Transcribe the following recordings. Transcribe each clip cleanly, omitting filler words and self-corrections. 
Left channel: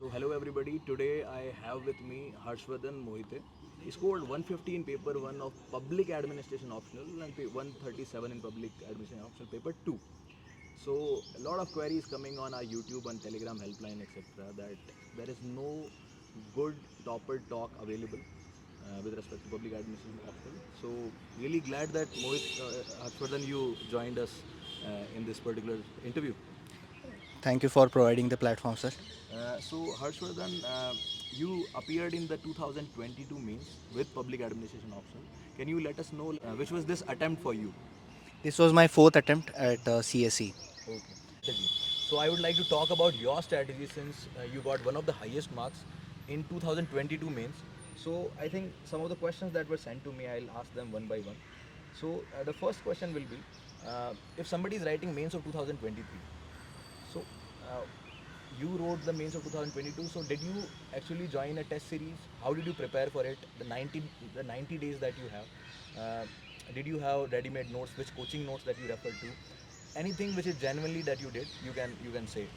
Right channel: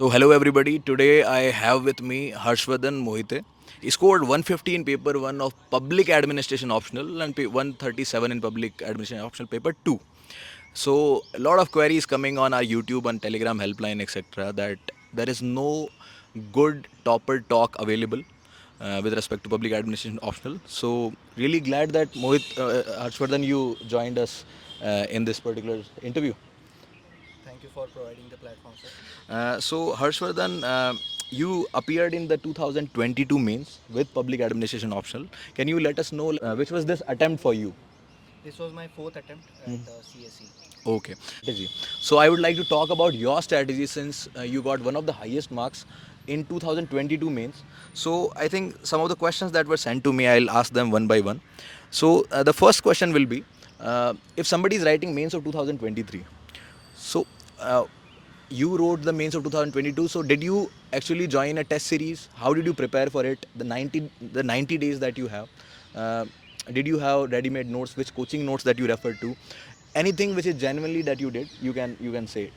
So hello everybody. Today I have with me Harshwardhan Mohite. He scored 150 in paper 1 of public administration optional and 137 in public administration optional paper 2. So a lot of queries coming on our YouTube and Telegram helpline etc. that there is no good topper talk available with respect to public administration optional. So really glad that Harshwardhan you joined us in this particular interview. Thank you for providing the platform, sir. So Harshvardhan, you appeared in the 2022 mains with public administration optional. Can you let us know which was this attempt for you? This was my fourth attempt at CSE. Okay. Strategy. So I would like to talk about your strategy since you got one of the highest marks in 2022 mains. So I think some of the questions that were sent to me, I'll ask them one by one. So the first question will be, if somebody is writing mains of 2023, so uh, you wrote the mains of 2022. So did you actually join a test series? How did you prepare for it? The 90 days that you have. Uh, did you have ready-made notes? Which coaching notes that you referred to? Anything which is genuinely that you did, you can say.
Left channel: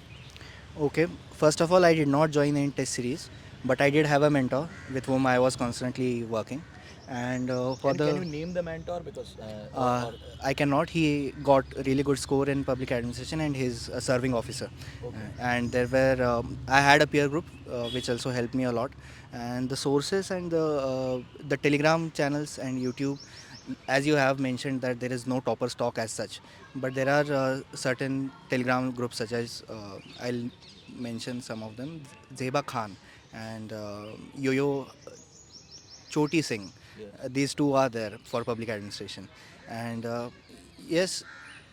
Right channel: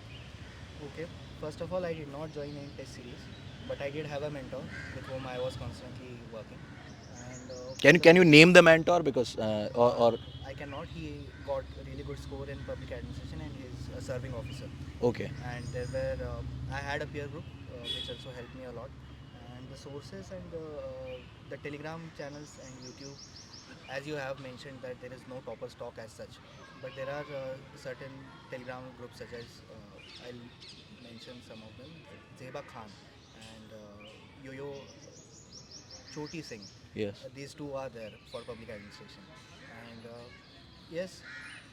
Okay, first of all, I did not join any test series, but I did have a mentor with whom I was constantly working. And for Can the you name the mentor because uh, or I cannot. He got really good score in public administration and he's a serving officer. okay. And there were I had a peer group which also helped me a lot. And the sources and the Telegram channels and YouTube, as you have mentioned that there is no topper stock as such, but there are certain Telegram groups such as I'll mention some of them: Zeba Khan and Yo-Yo Choti Singh. Yes. These two are there for public administration. And yes,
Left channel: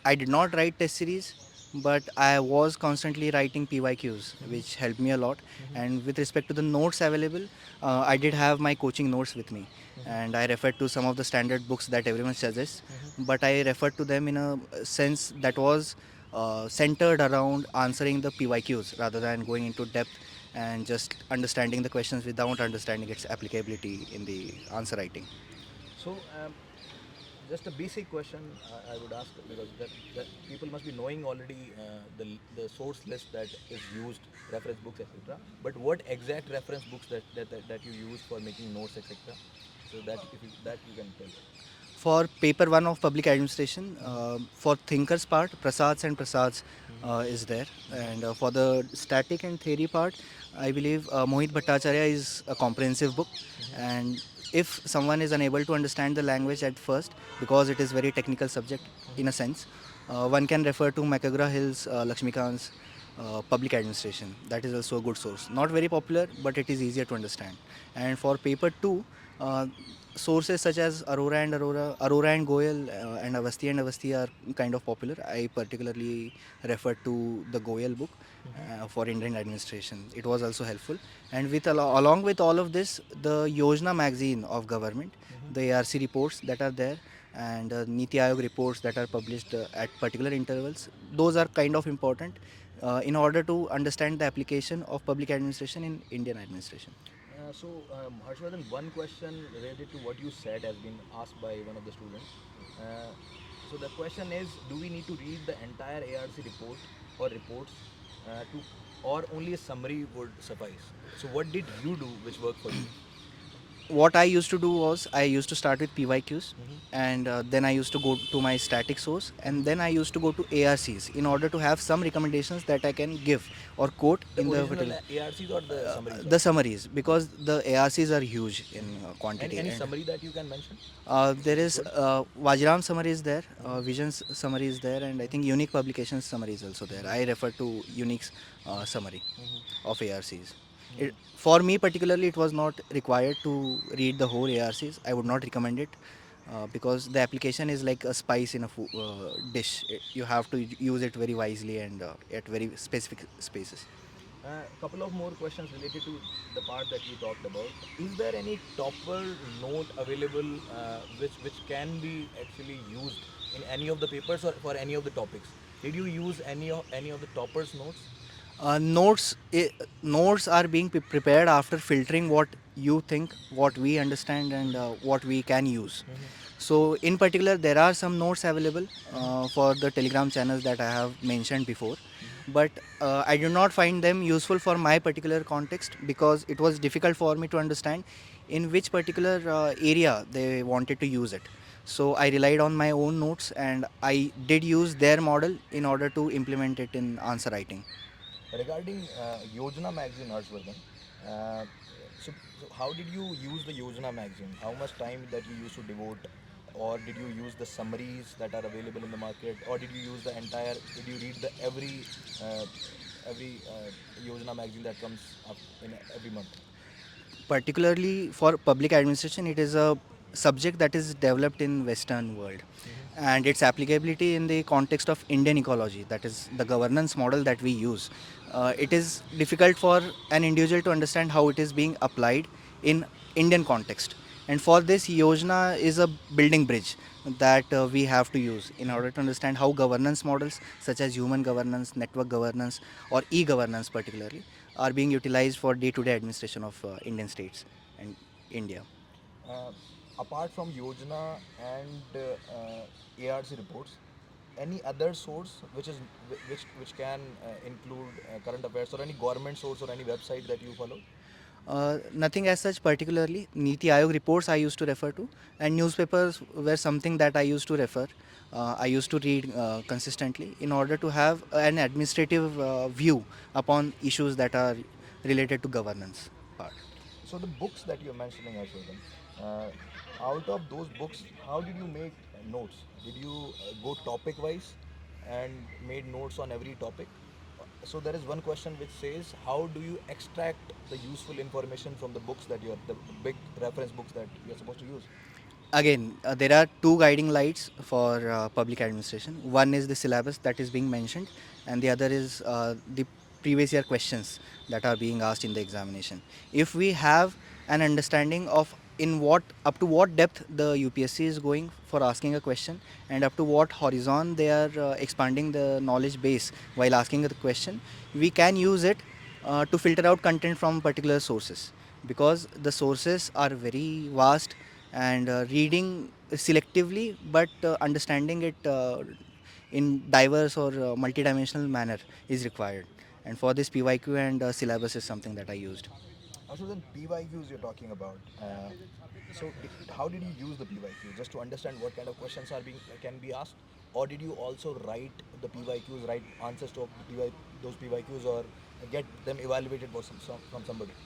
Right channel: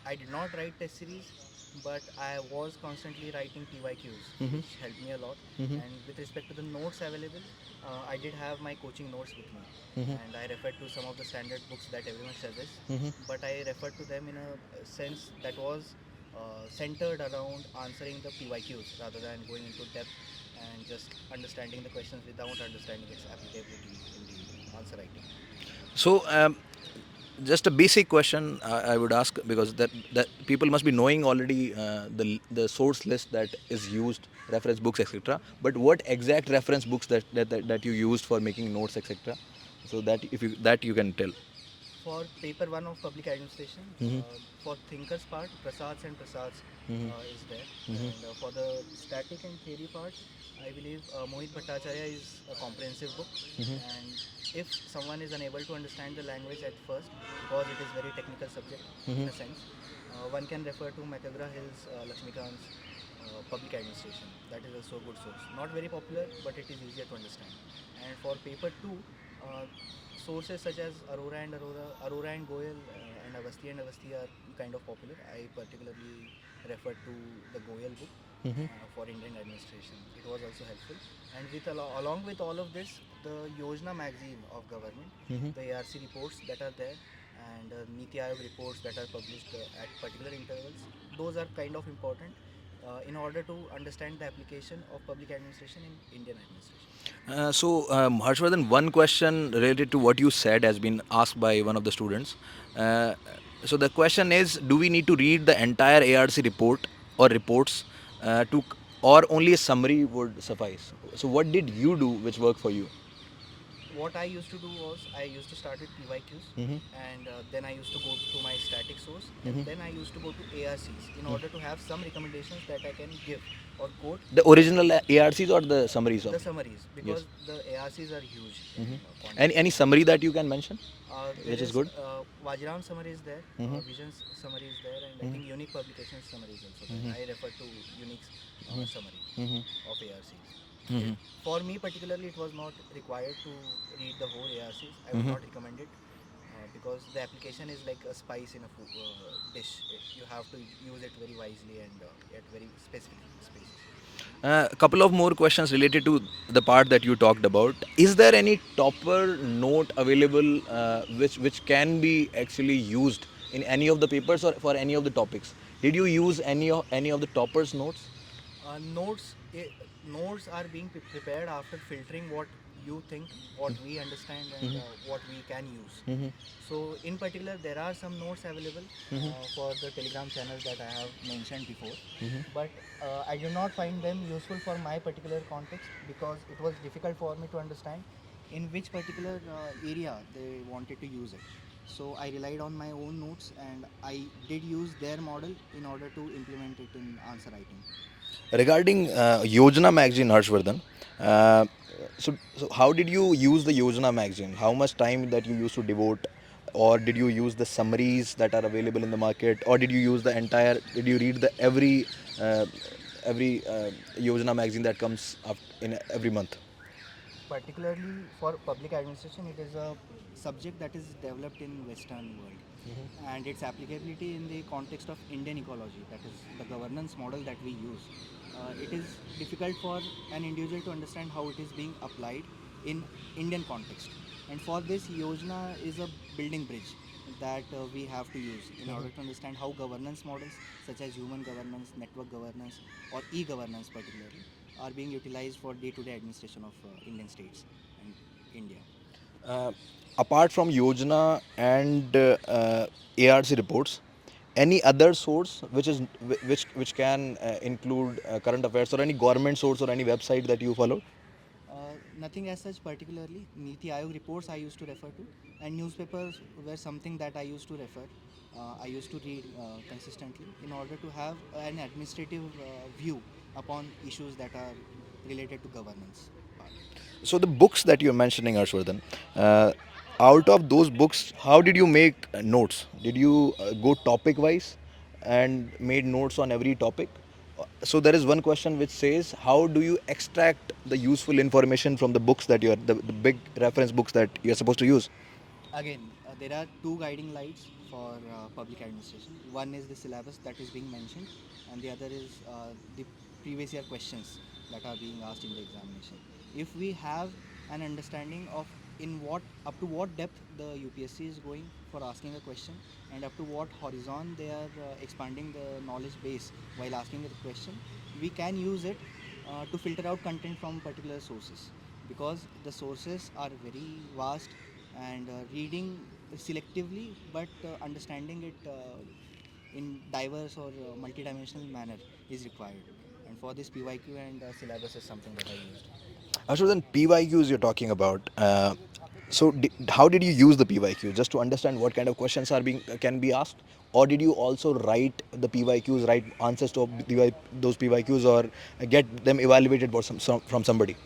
I did not write test series, but I was constantly writing PYQs, Mm-hmm. which helped me a lot. Mm-hmm. And with respect to the notes available, I did have my coaching notes with me. Mm-hmm. And I referred to some of the standard books that everyone suggests, Mm-hmm. but I referred to them in a sense that was centered around answering the PYQs rather than going into depth and just understanding the questions without understanding its applicability in the answer writing. So just a basic question I would ask because that people must be knowing already the source list that is used, reference books, etc. But what exact reference books that you used for making notes, etc. So that if you that you can tell. For paper one of public administration, Mm-hmm. for thinkers part, Prasads and Prasads Mm-hmm. is there. Mm-hmm. And for the static and theory part, I believe Mohit Bhattacharya is a comprehensive book. And if someone is unable to understand the language at first, because it is very technical subject Mm-hmm. in a sense, one can refer to McGraw Hill's Lakshmikant's public administration. That is also a good source. Not very popular, but it is easier to understand. And for paper two, uh, sources such as Aurora and Goyal, and Avasti are kind of popular. I particularly refer to the Goyal book Mm-hmm. for Indian administration. It was also helpful. And along with all of this, the Yojana magazine of government, Mm-hmm. the ARC reports that are there, and Niti Aayog reports that are published at particular intervals, those are kind of important in order to understand the application of public administration in Indian administration. Harshvardhan, one question related to what you said has been asked by one of the students. Uh, so the question is, do we need to read the entire ARC report or reports or only a summary would suffice? So what did you do which worked for you? What I used to do was I used to start with PYQs, Mm-hmm. and then I used to go to my static source, Mm-hmm. and then I used to go to ARCs in order to have some recommendations that I can give or quote The in the original particular ARCs or the summaries of? the summaries, Yes. because the ARCs are huge in Mm-hmm. Any quantity. any And summary that you can mention, there which is is good? Vajram summary is there, Mm-hmm. Visions summary is there, and I think Unique Publications summary is also there. I refer to Unique's summary Mm-hmm. of ARCs. Mm-hmm. For me particularly, it was not required to read the whole ARCs. I would Mm-hmm. not recommend it because the application is like a spice in a dish. You have to use it very wisely and at very specific spaces. A couple of more questions related to the part that you talked about. Is there any topper note available which can be actually used in any of the papers or for any of the topics? Did you use any of the toppers notes? Notes are being prepared after filtering what you think, what we understand, and what we can use. Mm-hmm. So, in particular, there are some notes available Mm-hmm. for the Telegram channels that I have mentioned before, Mm-hmm. but I do not find them useful for my particular context because it was difficult for me to understand in which particular area they wanted to use it. So, I relied on my own notes and I did use their model in order to implement it in answer writing. Regarding Yojana magazine, Harshvardhan, uh, so how did you use the Yojana magazine? How much time that you used to devote, or did you use the summaries that are available in the market, or did you use the entire? Did you read the every Yojana magazine that comes up in every month? Particularly for public administration, it is a subject that is developed in Western world, and its applicability in the context of Indian ecology, that is the governance model that we use. It is difficult for an individual to understand how it is being applied in Indian context, and for this Yojana is a building bridge that we have to use in order to understand how governance models such as human governance, network governance, or e-governance particularly are being utilized for day-to-day administration of Indian states and India. Uh, Apart from Yojana and ARC reports, any other source which can include current affairs, or any government source, or any website that you follow? Nothing as such particularly. Niti Aayog reports I used to refer to, and newspapers were something that I used to refer. I used to read consistently in order to have an administrative view upon issues that are related to governance part. So the books that you're mentioning, Harshvardhan, uh, out of those books, how did you make notes? Did you go topic wise and made notes on every topic? So there is one question which says, how do you extract the useful information from the books that you're the big reference books that you're supposed to use? Again, there are two guiding lights for public administration. One is the syllabus that is being mentioned, and the other is the previous year questions that are being asked in the examination. If we have an understanding of in what up to what depth the UPSC is going for asking a question, and up to what horizon they are expanding the knowledge base while asking the question, we can use it to filter out content from particular sources, because the sources are very vast, and reading selectively but understanding it in diverse or multidimensional manner is required, and for this PYQ and syllabus is something that I used. So then PYQs you're talking about. How did you use the PYQ? Just to understand what kind of questions are being can be asked, or did you also write the PYQs, write answers to those PYQs, or get them evaluated for from somebody?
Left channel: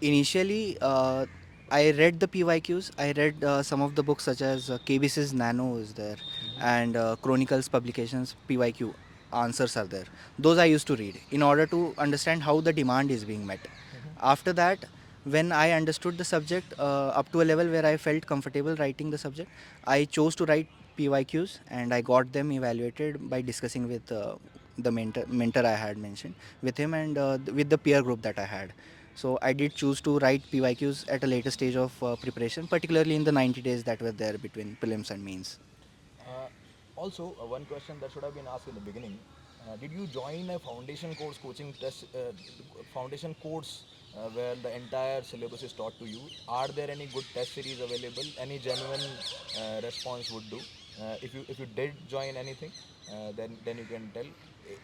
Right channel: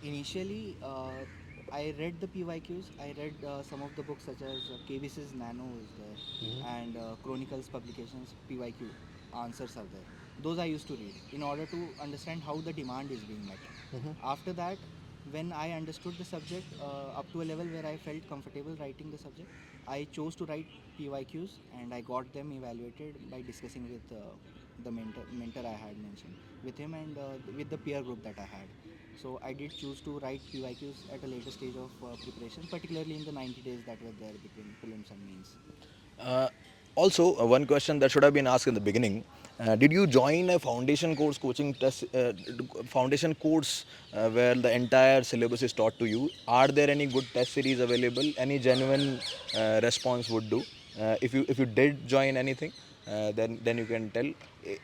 Initially, I read the PYQs. I read some of the books such as KBC's Nano is there, and Chronicles publications PYQ answers are there. Those I used to read in order to understand how the demand is being met. After that, when I understood the subject up to a level where I felt comfortable writing the subject, I chose to write PYQs, and I got them evaluated by discussing with the mentor I had mentioned with him, and with the peer group that I had. So I did choose to write PYQs at a later stage of preparation, particularly in the 90 days that were there between prelims and mains. Uh, Also, one question that should have been asked in the beginning: did you join a foundation course, foundation course where the entire syllabus is taught to you? Are there any good test series available? Any genuine response would do. If you did join anything, then you can tell.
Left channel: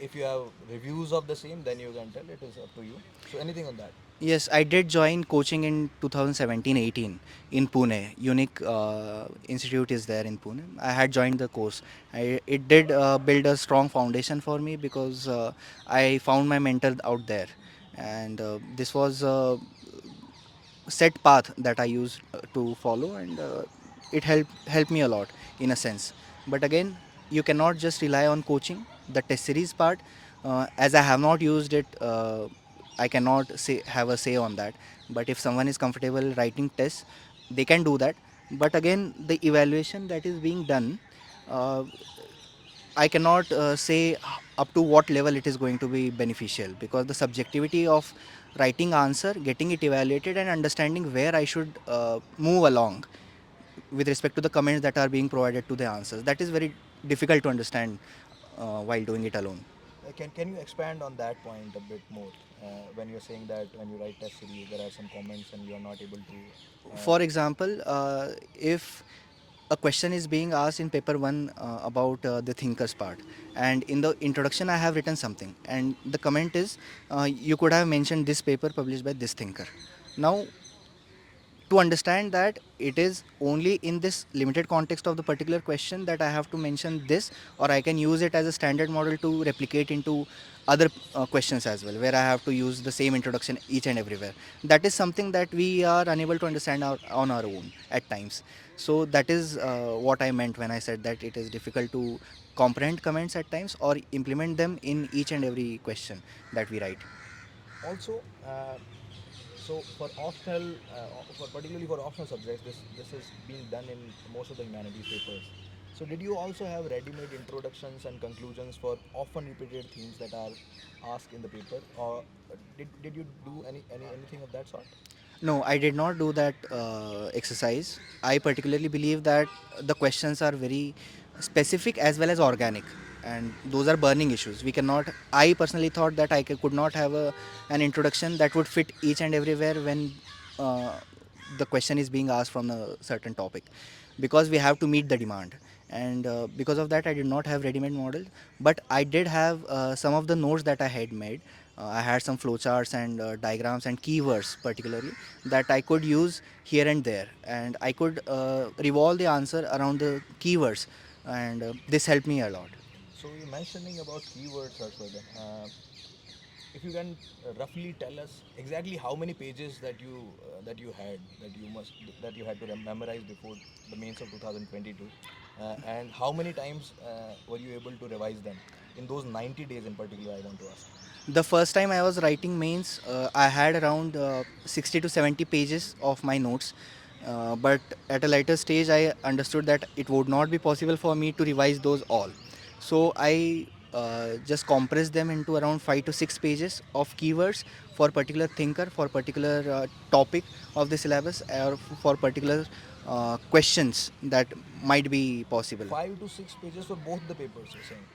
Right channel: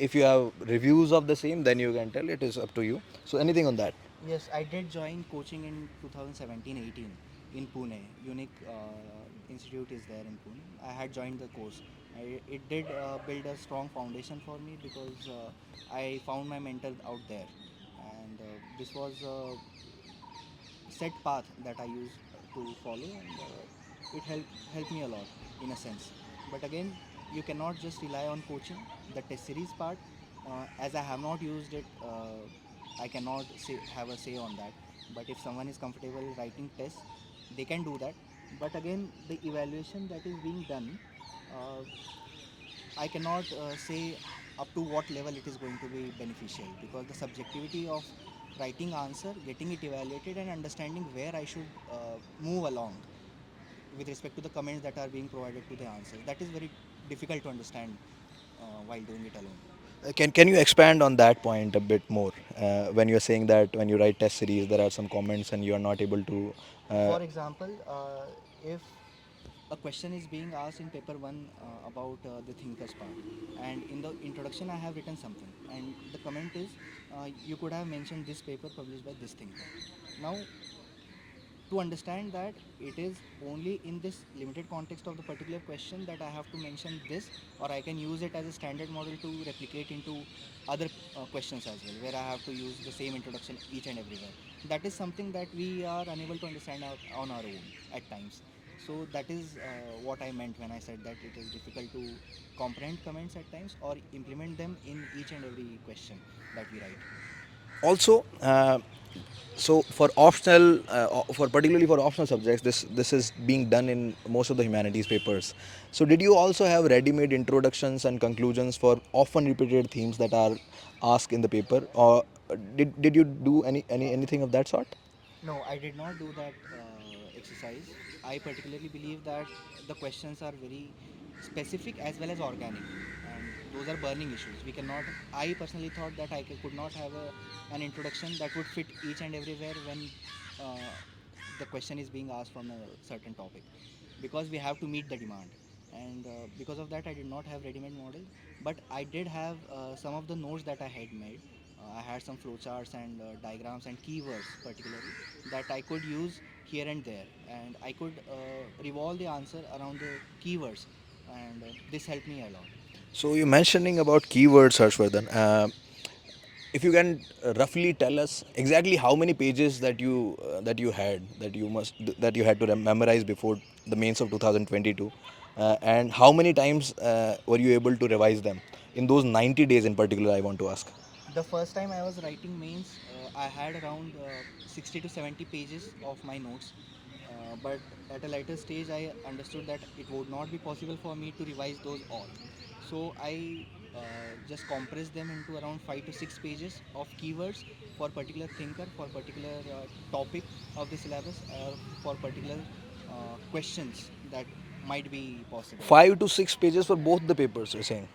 If you have reviews of the same, then you can tell. It is up to you. So anything on that? Yes, I did join coaching in 2017-18 in Pune. Unique Institute is there in Pune. I had joined the course. It did build a strong foundation for me because I found my mentor out there, and this was set path that I used to follow, and it helped me a lot in a sense. But again, you cannot just rely on coaching. The test series part, as I have not used it, I cannot say have a say on that. But if someone is comfortable writing tests, they can do that. But again, the evaluation that is being done, uh, I cannot say up to what level it is going to be beneficial, because the subjectivity of writing answer, getting it evaluated, and understanding where I should move along with respect to the comments that are being provided to the answers, that is very difficult to understand while doing it alone. Can you expand on that point a bit more? When you're saying that when you write test series, there are some comments and you are not able to. Uh, For example, if a question is being asked in paper 1 about the thinkers part, and in the introduction I have written something, and the comment is you could have mentioned this paper published by this thinker. Now, to understand that it is only in this limited context of the particular question that I have to mention this, or I can use it as a standard model to replicate into other questions as well, where I have to use the same introduction each and everywhere. That is something that we are unable to understand on our own at times. So that is what I meant when I said that it is difficult to comprehend comments at times or implement them in each and every question that we write. Also, so for optional, for particularly for optional subjects, this is being done in most of the humanities papers. So did you also have ready-made introductions and conclusions for often repeated themes that are asked in the paper, or did you do anything of that sort? No, I did not do that exercise. I particularly believe that the questions are very specific as well as organic, and those are burning issues. We cannot. I personally thought that could not have an introduction that would fit each and everywhere when uh, the question is being asked from a certain topic, because we have to meet the demand. And because of that, I did not have ready-made model, but I did have some of the notes that I had made. I had some flowcharts and diagrams and keywords particularly that I could use here and there, and I could revolve the answer around the keywords, and this helped me a lot. So you're mentioning about keywords, Harshvardhan. If you can roughly tell us exactly how many pages that you had that you had to memorize before the mains of 2022, and how many times were you able to revise them in those 90 days in particular, I want to ask. The first time I was writing mains, I had around 60 to 70 pages of my notes. But at a later stage, I understood that it would not be possible for me to revise those all. So I just compressed them into around 5 to 6 pages of keywords for particular thinker, for particular topic of the syllabus, or for particular questions that might be possible. 5 to 6 pages for both the papers, you're saying?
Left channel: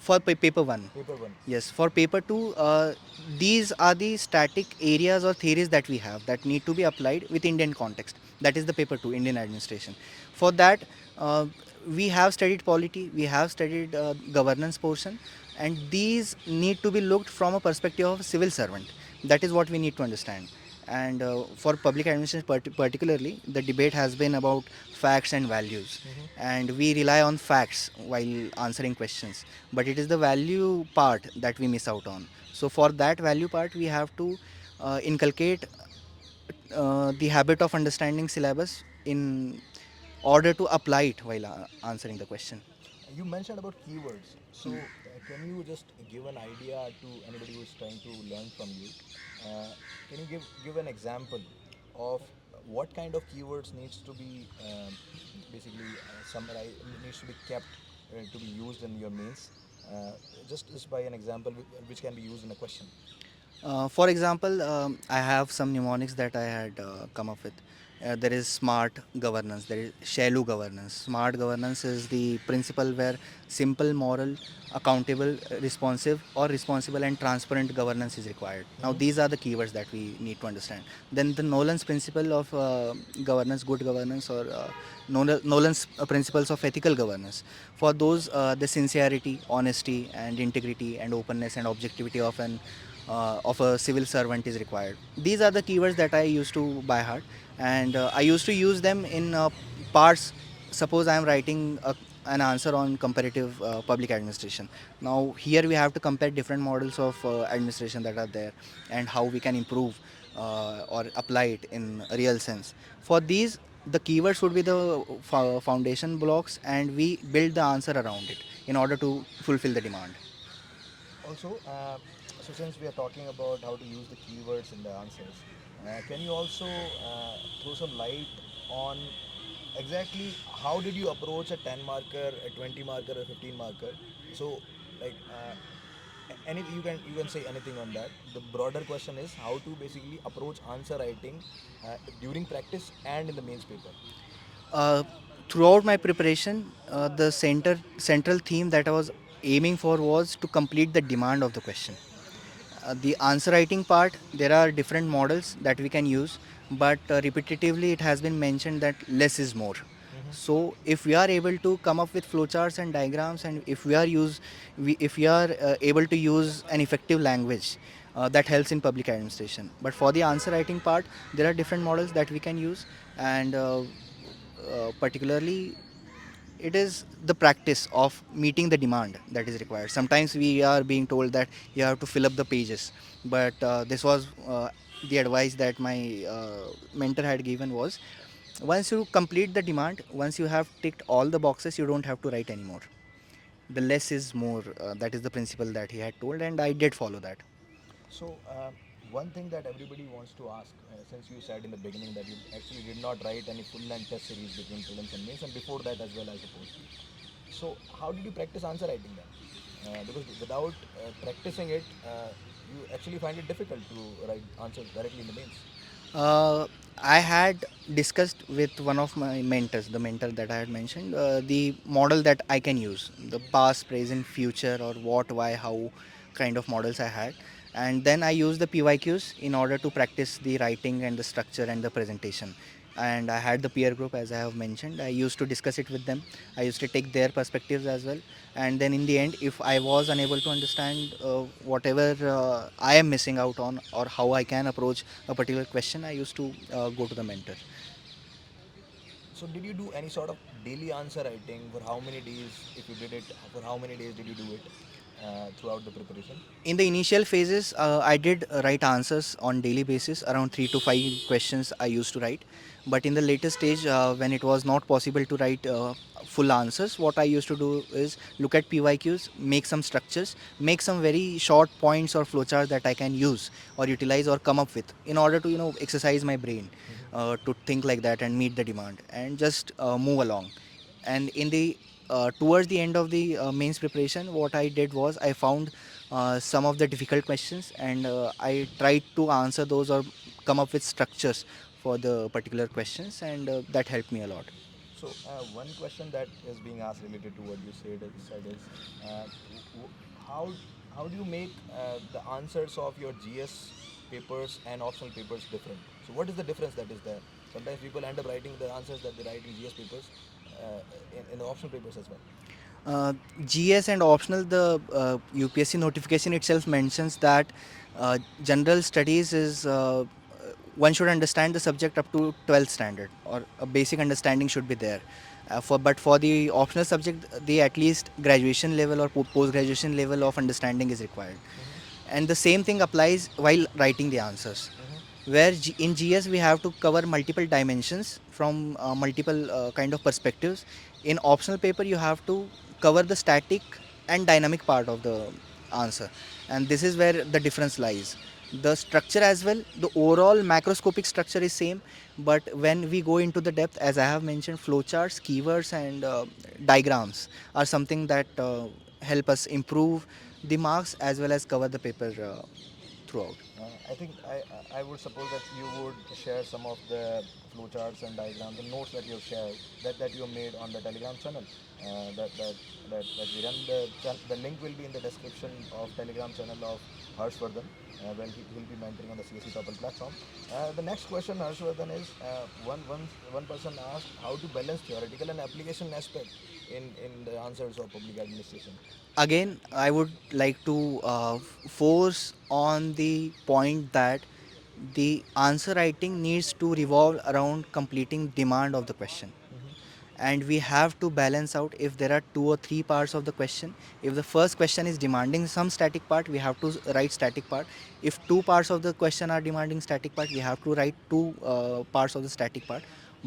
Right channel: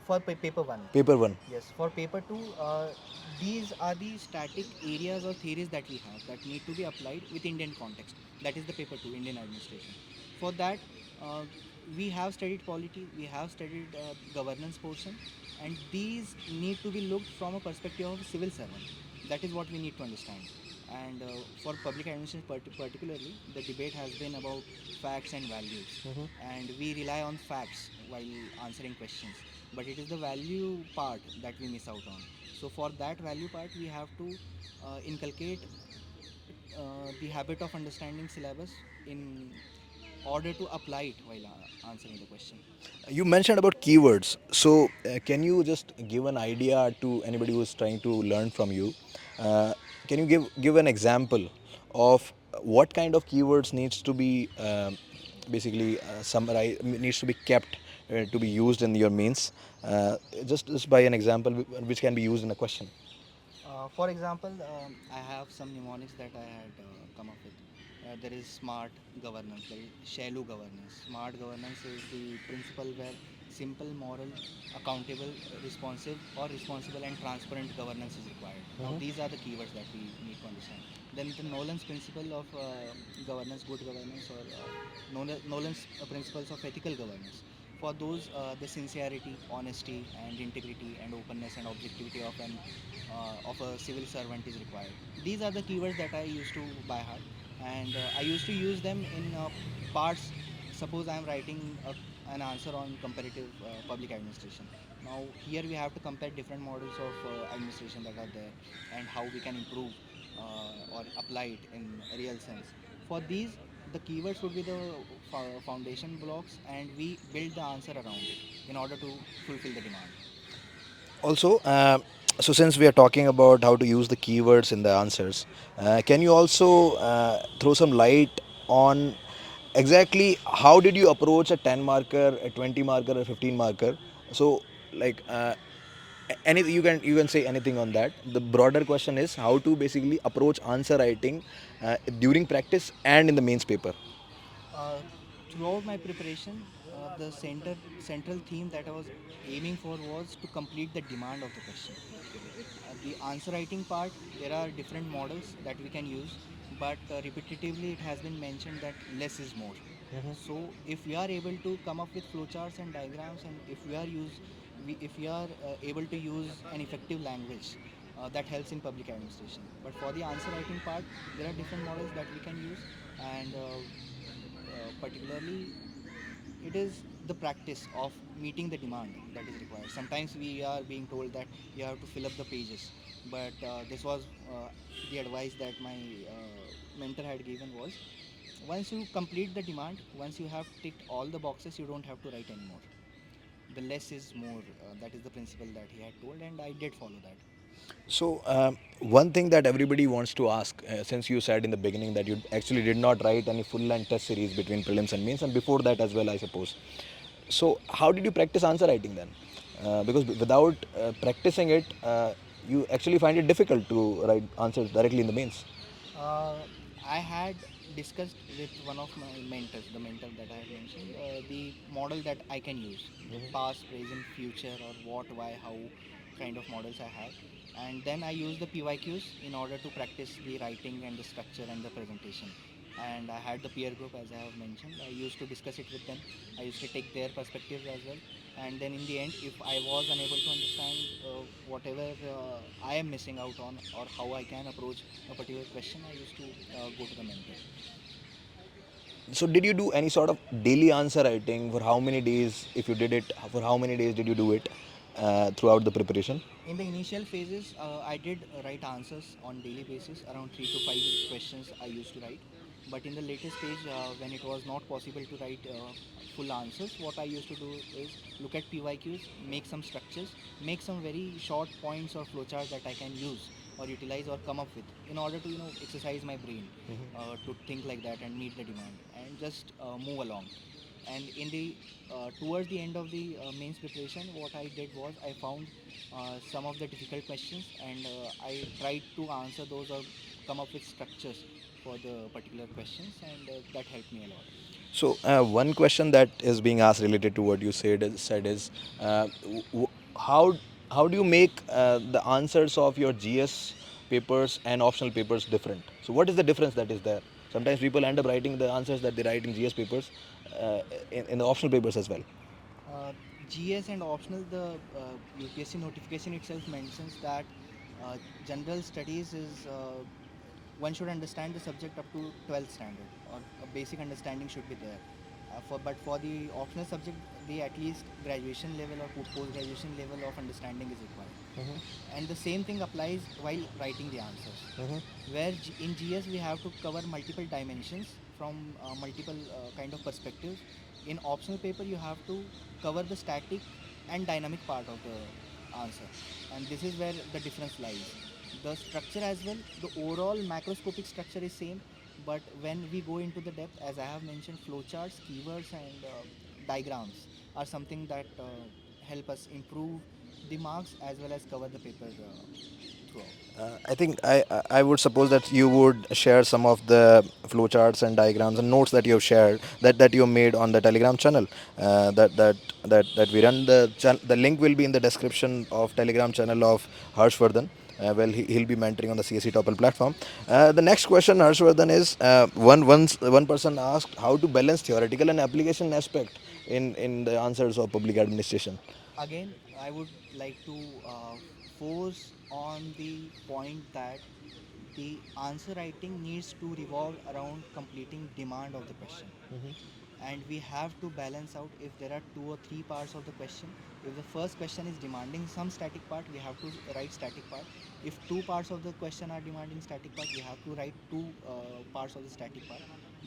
For paper 1. Paper one. Yes, for paper 2, these are the static areas or theories that we have that need to be applied with Indian context. That is the paper 2, Indian administration. For that, uh, we have studied polity, we have studied governance portion, and these need to be looked from a perspective of a civil servant. That is what we need to understand. And for public administration particularly, the debate has been about facts and values, and we rely on facts while answering questions, but it is the value part that we miss out on. So for that value part, we have to inculcate the habit of understanding syllabus in order to apply it while answering the question. You mentioned about keywords. So, can you just give an idea to anybody who is trying to learn from you? Uh, can you give an example of what kind of keywords needs to be basically summarized, needs to be kept to be used in your mains? Just by an example which can be used in a question. For example, I have some mnemonics that I had come up with. There is smart governance, there is shallow governance. Smart governance is the principle where simple, moral, accountable, responsive, or responsible and transparent governance is required. Now, these are the keywords that we need to understand. Then, the Nolan's principle of governance, good governance, or Nolan's principles of ethical governance. For those, the sincerity, honesty, and integrity, and openness and objectivity of a civil servant is required. These are the keywords that I used to by heart, and I used to use them in parts. Suppose I am writing an answer on comparative public administration. Now here we have to compare different models of administration that are there, and how we can improve or apply it in a real sense. For these, the keywords would be the foundation blocks, and we build the answer around it in order to fulfill the demand. Also, so since we are talking about how to use the keywords in the answers, can you also throw some light on exactly how did you approach a 10 marker, a 20 marker, a 15 marker? So, like, any you can say anything on that. The broader question is how to basically approach answer writing during practice and in the mains paper. Uh, Throughout my preparation, the central theme that I was aiming for was to complete the demand of the question. The answer writing part, there are different models that we can use, but repetitively it has been mentioned that less is more. So if we are able to come up with flowcharts and diagrams, and if we are able to use an effective language, that helps in public administration. But for the answer writing part, there are different models that we can use, and particularly it is the practice of meeting the demand that is required. Sometimes we are being told that you have to fill up the pages, but this was the advice that my mentor had given was, once you complete the demand, once you have ticked all the boxes, you don't have to write anymore. The less is more, that is the principle that he had told, and I did follow that. So, one thing that everybody wants to ask, since you said in the beginning that you actually did not write any full length test series between prelims and mains, and before that as well, I suppose. So, how did you practice answer writing then? Because without practicing it, you actually find it difficult to write answers directly in the mains. Uh, I had discussed with one of my mentors, the mentor that I had mentioned, the model that I can use, the past, present, future, or what, why, how kind of models I had. And then I used the PYQs in order to practice the writing and the structure and the presentation. And I had the peer group, as I have mentioned. I used to discuss it with them. I used to take their perspectives as well. And then in the end, if I was unable to understand whatever I am missing out on, or how I can approach a particular question, I used to go to the mentor. So, did you do any sort of daily answer writing? For how many days, if you did it, for how many days did you do it throughout the preparation? In the initial phases, I did write answers on daily basis. Around 3 to 5 questions I used to write. But in the later stage, when it was not possible to write full answers, what I used to do is look at PYQs, make some structures, make some very short points or flowchart that I can use or utilize or come up with in order to exercise my brain to think like that and meet the demand and just move along. And in the towards the end of the mains preparation, what I did was I found some of the difficult questions, and I tried to answer those or come up with structures for the particular questions, and that helped me a lot. So, one question that is being asked related to what you said is, how how do you make the answers of your GS papers and optional papers different? So, what is the difference that is there? Sometimes people end up writing the answers that they write in GS papers uh, in the optional papers as well. Uh, GS and optional, the UPSC notification itself mentions that general studies is one should understand the subject up to 12th standard, or a basic understanding should be there. But for the optional subject, the at least graduation level or post graduation level of understanding is required. And the same thing applies while writing the answers, where in GS we have to cover multiple dimensions from multiple kind of perspectives. In optional paper you have to cover the static and dynamic part of the answer, and this is where the difference lies. The structure as well, the overall macroscopic structure is same, but when we go into the depth, as I have mentioned, flowcharts, keywords, and diagrams are something that help us improve the marks as well as cover the paper throughout. I think I would suppose that you would share some of the flowcharts and diagrams and notes that you have shared that you made on the Telegram channel. That we run the link will be in the description of Telegram channel of Harshwardhan. Well, he'll be mentoring on the CSE Topple platform. The next question, Harshwardhan, is one person asked how to balance theoretical and application aspect in the answers of public administration. Again, I would like to force on the point that the answer writing needs to revolve around completing demand of the question, and we have to balance out if there are two or three parts of the question. If the first question is demanding some static part, we have to write static part. If two parts of the question are demanding static part, we have to write two parts of the static part.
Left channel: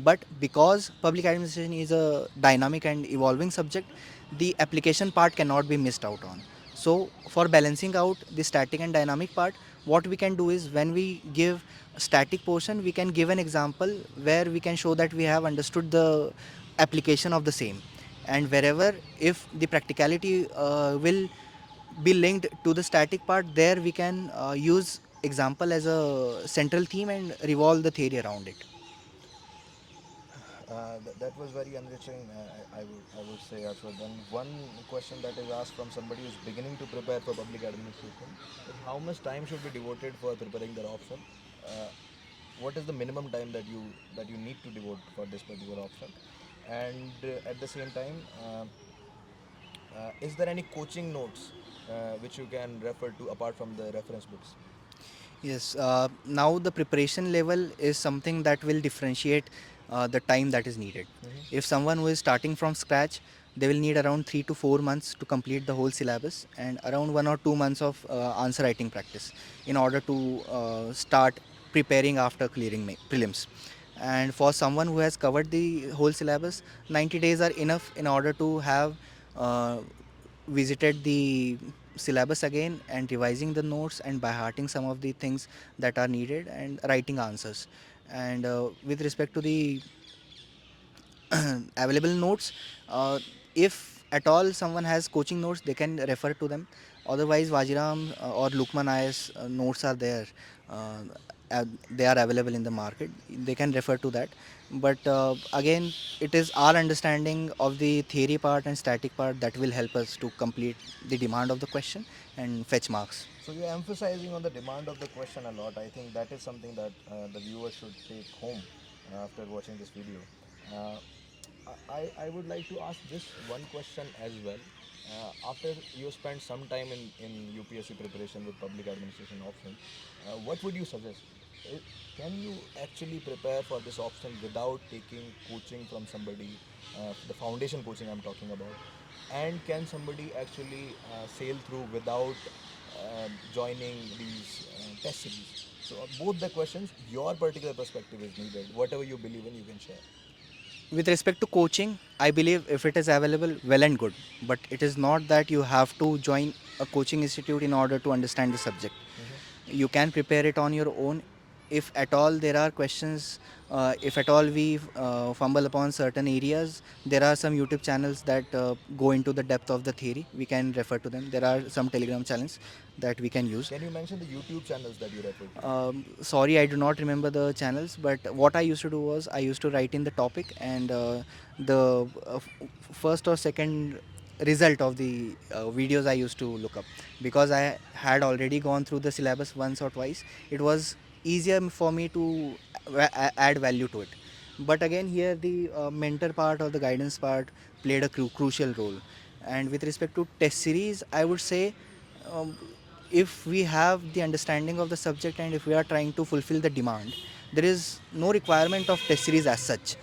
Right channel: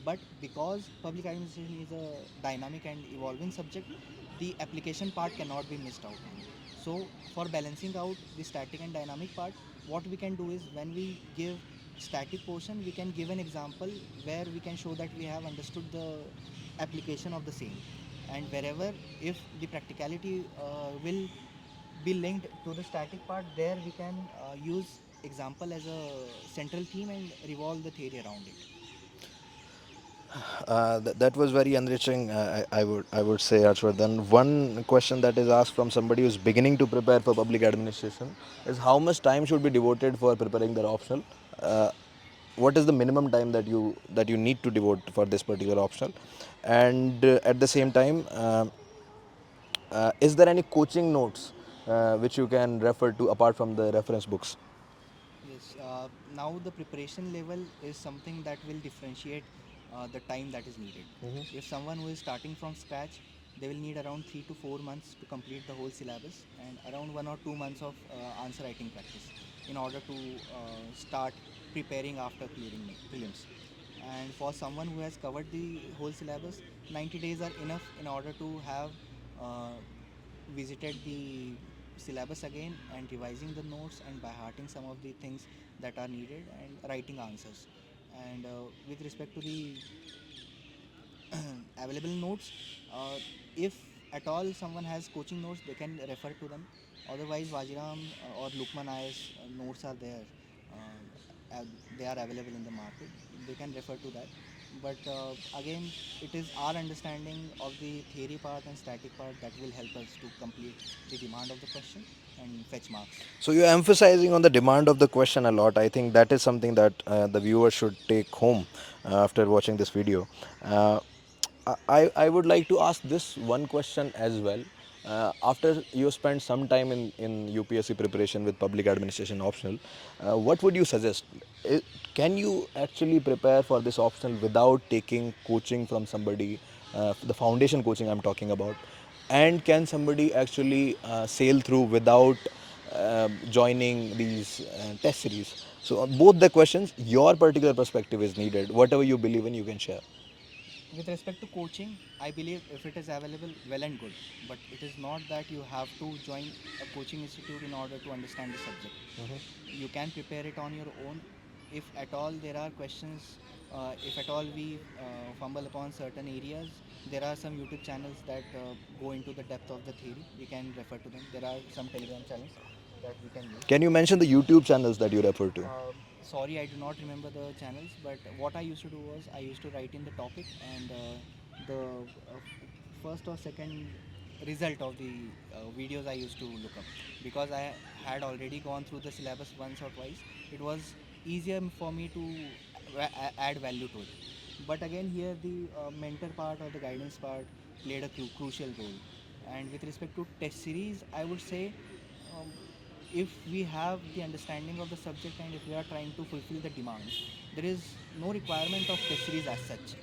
But because public administration is a dynamic and evolving subject, the application part cannot be missed out on. So for balancing out the static and dynamic part, what we can do is, when we give a static portion, we can give an example where we can show that we have understood the application of the same. And wherever, if the practicality will be linked to the static part, there we can use example as a central theme and revolve the theory around it. That was very enriching. I would say, Harshwardhan. One question that is asked from somebody who's beginning to prepare for public administration is how much time should be devoted for preparing their optional. Uh, what is the minimum time that you need to devote for this particular optional, and at the same time, is there any coaching notes which you can refer to apart from the reference books? Yes, now the preparation level is something that will differentiate the time that is needed. If someone who is starting from scratch, they will need around 3 to 4 months to complete the whole syllabus and around 1 or 2 months of answer writing practice in order to start preparing after clearing prelims. And for someone who has covered the whole syllabus, 90 days are enough in order to have uh, visited the syllabus again and revising the notes and by hearting some of the things that are needed and writing answers. And with respect to the available notes, if at all someone has coaching notes, they can refer to them. Otherwise, Vajiram or Lukman Ayas notes are there. They are available in the market. They can refer to that. But again, it is our understanding of the theory part and static part that will help us to complete the demand of the question and fetch marks. So you're emphasizing on the demand of the question a lot. I think that is something that the viewer should take home after watching this video. Uh, I would like to ask this one question as well. After you spend some time in UPSC preparation with public administration optional, what would you suggest? Can you actually prepare for this optional without taking coaching from somebody, the foundation coaching I'm talking about? And can somebody actually sail through without joining these test series? So, both the questions, your particular perspective is needed. Whatever you believe in, you can share. With respect to coaching, I believe if it is available, well and good. But it is not that you have to join a coaching institute in order to understand the subject. You can prepare it on your own. If at all there are questions, if at all we fumble upon certain areas, there are some YouTube channels that go into the depth of the theory. We can refer to them. There are some Telegram channels that we can use. Can you mention the YouTube channels that you refer to? Sorry, I do not remember the channels, but what I used to do was I used to write in the topic and the first or second result of the videos I used to look up, because I had already gone through the syllabus once or twice. It was easier for me to add value to it. But again, here the mentor part or the guidance part played a crucial role. And with respect to test series, I would say, um, if we have the understanding of the subject and if we are trying to fulfill the demand, there is no requirement of test series as such.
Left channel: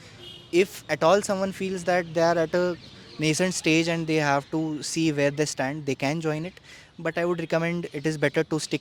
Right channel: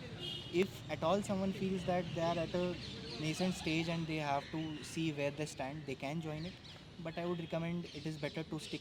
If at all someone feels that they are at a nascent stage and they have to see where they stand, they can join it. But I would recommend it is better to stick